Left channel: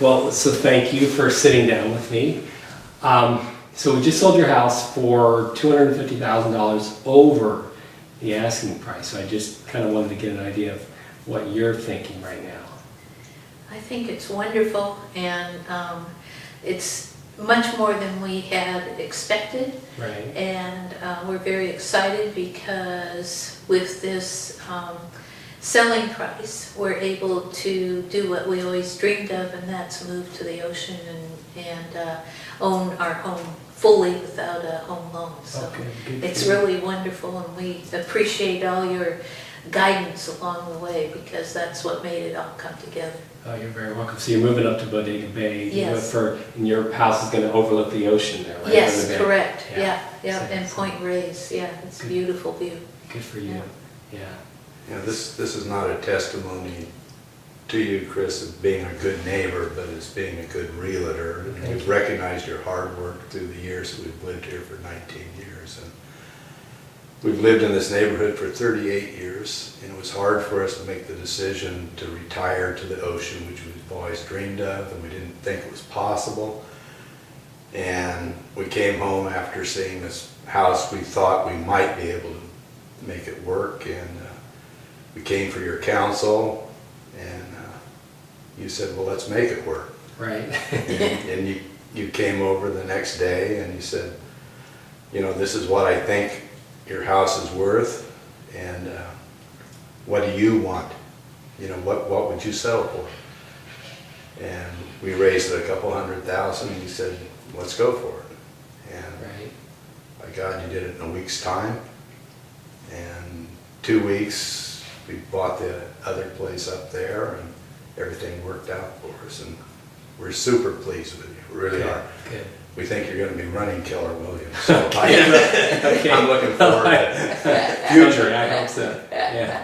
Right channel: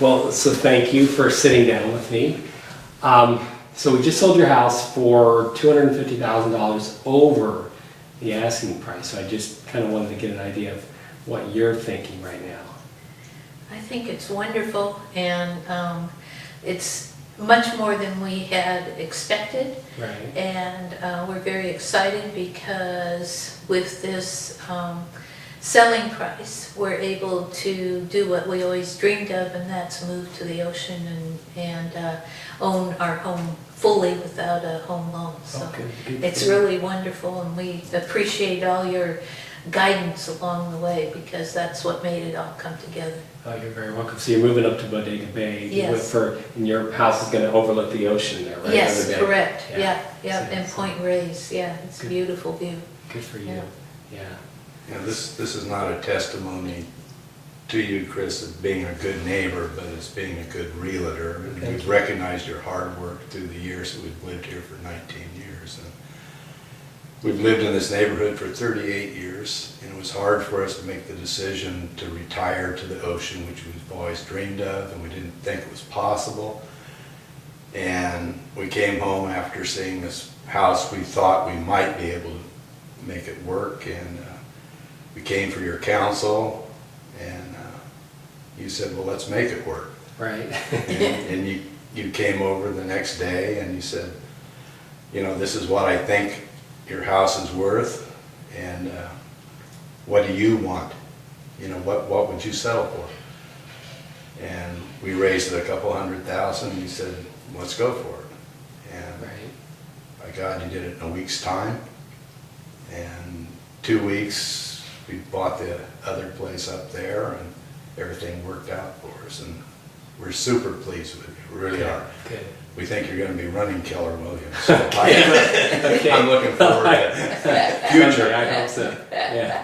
Well, so thank you for sitting down with me. So we just sold your house for $250,000 over the asking price. So I just kind of wanted to get an idea of what you're thinking right now. I think it's wonderful, and it's much more than we had expected. Right. And we're very excited because with this selling price, we're able to do what we always dreamed of, and that's move to the ocean and own our home fully without a home loan. So it's really wonderful, and we appreciate all your guidance along the way, because that's what made it all come together. Oh, you're very welcome. So you're moving up to Bodega Bay. Yes. And your house is going to overlook the ocean there, right? Yes, On the bay. correct. Yeah, So- and Point Reyes. Yeah, it's a beautiful view. Good for you. Yeah. You know, this is not a testimony to you, Chris, of being a good neighbor, but as being a good realtor. And Thank we've you. recognized your hard work through the years that we've lived here for 19 years. And we've lived in this neighborhood for 38 years, and it was hard for us to make the decision to retire to the ocean, which we've always dreamed of, and we didn't think it was possible. And we came home after seeing this house. We thought we might be able to make it work, and we came for your counsel, and you said, well, let's make it work. Right. And you came over the next day and you said, you know, this is what I think your house is worth, and what do you want? You know, what would you settle for? And we raised it a couple $100,000, and you said, let's go for it. And Right. by God, you did it in a week's time. And 2 weeks, we bought the other place up there, and everything worked out for us. And we're super pleased with you, we really are. Good. We think you're going to be running Keller Williams. So Okay. I'm looking forward to future. I hope so. Yeah.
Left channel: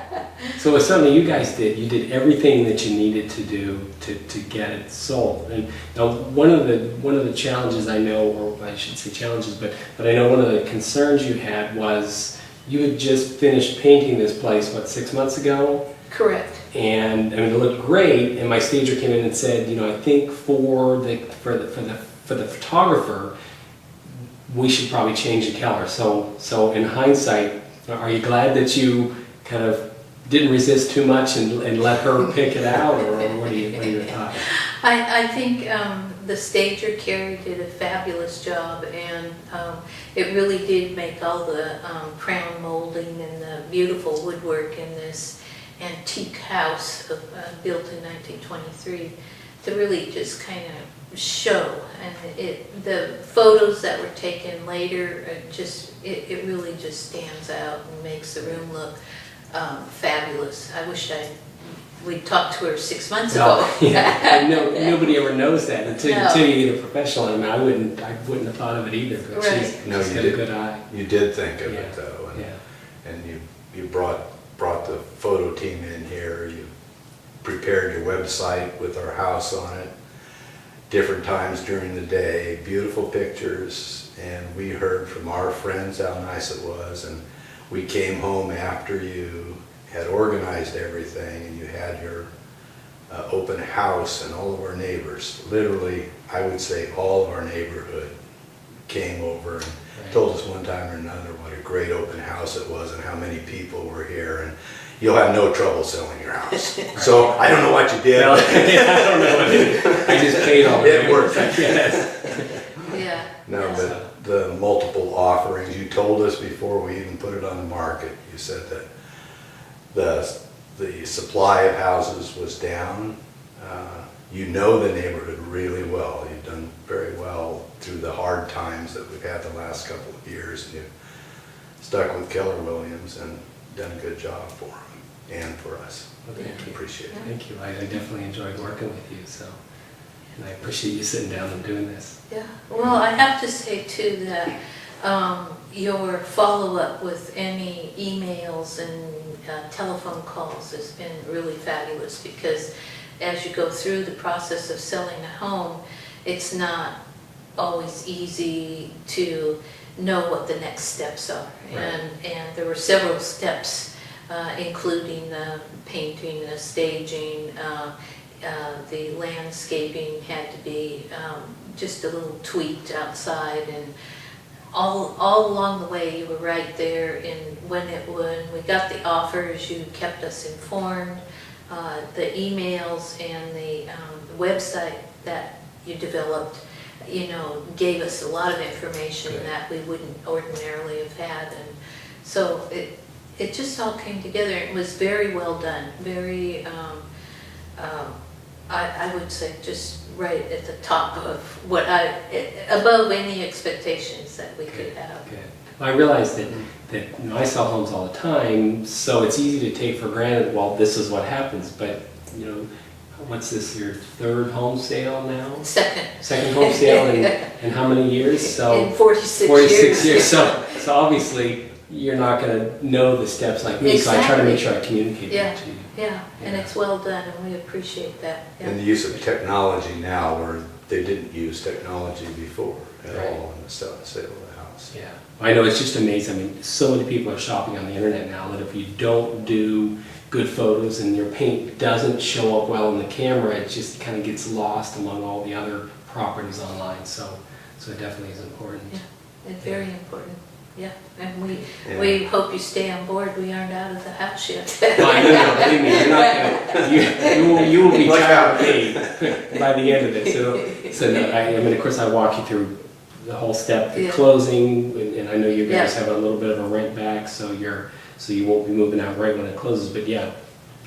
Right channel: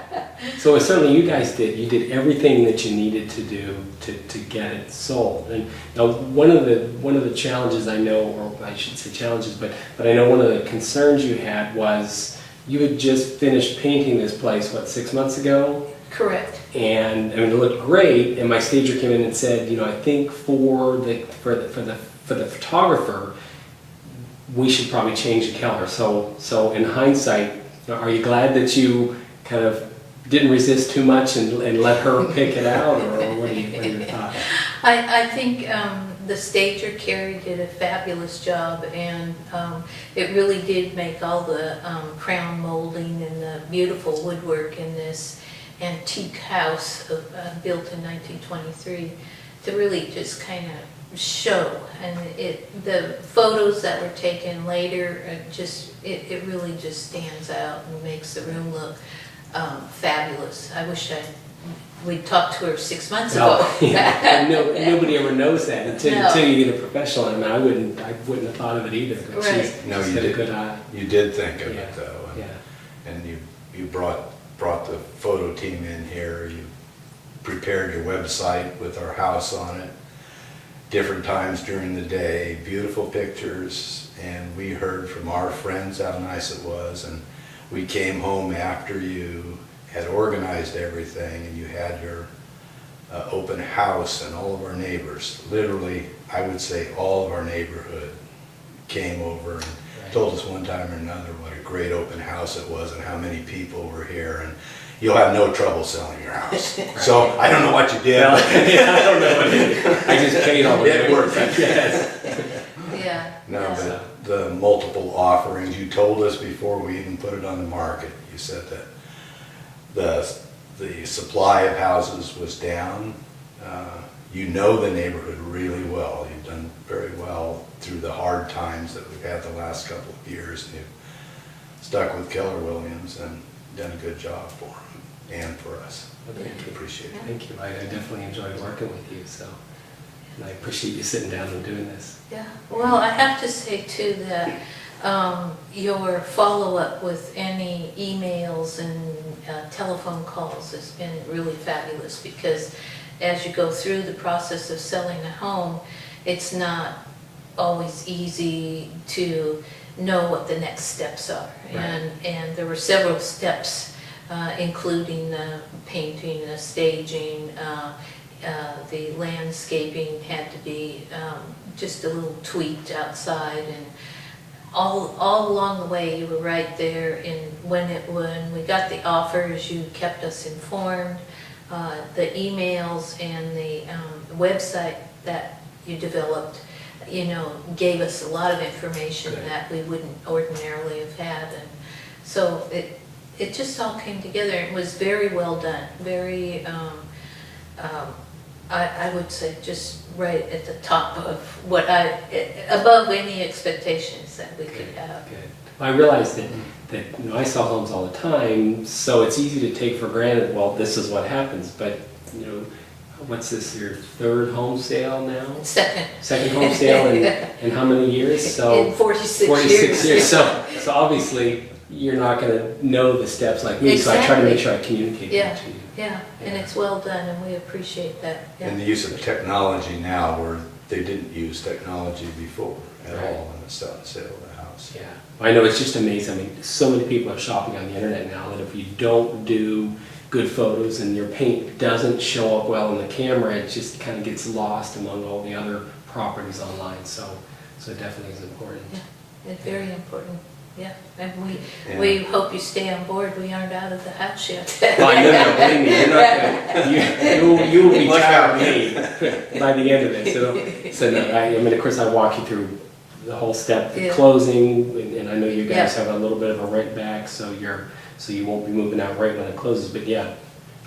So certainly you guys did everything that you needed to do to get it sold. And now one of the challenges I know, or I should say challenges, but I know one of the concerns you had was you had just finished painting this place, what, 6 months ago? Correct. And I mean, it looked great. And my stager came in and said, you know, I think for the photographer, we should probably change the Keller. So in hindsight, are you glad that you kind of didn't resist too much and let her pick it out, or what are your thoughts? I think the stager, Carrie, did a fabulous job, and it really did make all the crown molding and the beautiful woodwork in this antique house built in 1923 to really just kind of show. And the photos that were taken later, it really just stands out and makes the room look fabulous. I wish we'd talked to her 6 months ago. Yeah. Nobody ever knows that until No. you get a professional. I mean, I wouldn't have thought of it either. But Right. she's No, you got did. a good eye. You did think of Yeah. it, though. And, Yeah. and you brought the photo team in here. You prepared your website with our house on it. Different times during the day, beautiful pictures, and we heard from our friends how nice it was, and we came home after you had organized everything, and you had your open house, and all of our neighbors, literally, I would say all of our neighborhood came over and told us one time or another what a great open house it was and how many people were here, and you'll have no trouble selling your house. So I don't know what you did. Well, I don't know what it is. I just paid all the It worked. Yes. Yeah. No, yeah. but the multiple offerings, you told us before we even put it on the market, you said that the supply of houses was down. You know the neighborhood really well. You've done very well through the hard times that we've had the last couple of years, and you've stuck with Keller Williams and done a good job for them and for us. Well, thank you. Appreciate it. Thank you. I definitely enjoyed working with you. So, and I appreciate you sitting down and doing this. Yeah, well, I have to say too that your follow-up with any emails and telephone calls has been really fabulous, because as you go through the process of selling a home, it's not always easy to know what the next steps are. Right. And there were several steps, including the painting, the staging, the landscaping had to be just a little tweaked outside, and all along the way you were right there. And when we got the offers, you kept us informed. The emails and the website that you developed, gave us a lot of information Good. that we wouldn't ordinarily have had, and so it just all came together. It was very well done, very, I would say just right at the top of above any expectations that we could have. Good. Well, I realize that I sell homes all the time, so it's easy to take for granted, well, this is what happens, but, what's this, your third home sale now? Second home sale in how many years? So in 46 46 years. years. So obviously, you're not going to know the steps like me, so I try to make sure I communicate that to you. Yeah, and it's well done, and we appreciate that. Yeah. And the use of technology now where they didn't use technology before at Right. all in the sale of the house. Yeah, I know, it's just amazing. I mean, so many people are shopping on the internet now that if you don't do good photos and your paint doesn't show up well in the camera, it just kind of gets lost among all the other properties online. So it definitely is important. Yeah, it's very important. Yeah, and Yeah. we hope you stay on board. We aren't out of the house yet. Well, no, believe me, you're not gonna, you will be Look tired out. of me by the end of it. So no, I mean, of course, I walk you through the whole step, the Yeah. closing, and I know you guys Yeah. have a little bit of a rent back, so you won't be moving out right when it closes. But yeah,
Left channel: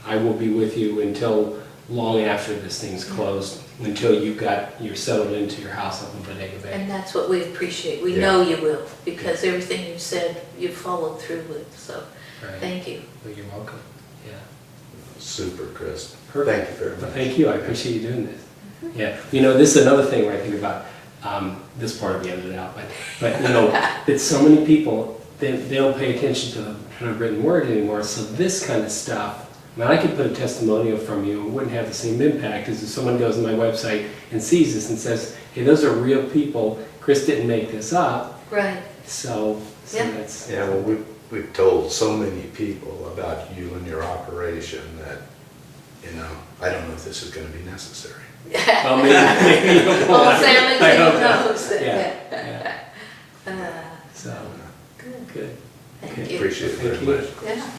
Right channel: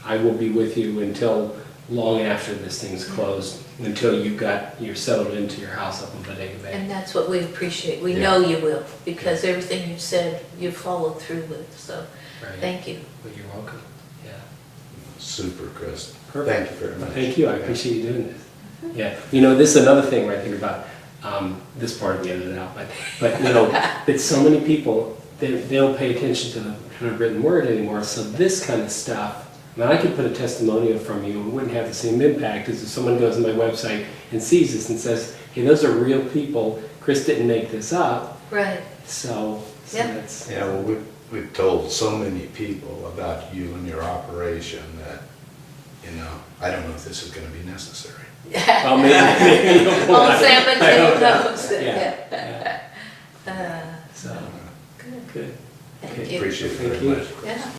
I will be with you until long after this thing's closed, until you're settled into your house up in Bodega Bay. And that's what we appreciate. We Yeah. know you will, because everything you've said, you've followed through with. So Right. thank you. Well, you're welcome. Yeah. Super, Chris. Perfect. Thank you very much. Thank you. I appreciate you doing this. Yeah. This is another thing where I think about this part will be edited out, but that so many people they don't pay attention to the kind of written word anymore. So this kind of stuff. I mean, I could put a testimonial from you. It wouldn't have the same impact as if someone goes to my website and sees this and says, "Hey, those are real people. Chris didn't make this up." Right. So Yeah. that's Yeah, well, we've told so many people about you and your operation that, I don't know if this is going to be necessary. well, maybe Well, Sam and I hope Tim not. knows that. Yeah. Yeah. So Good. good. Thank Okay. you. Appreciate it very Thank you. much. Yeah.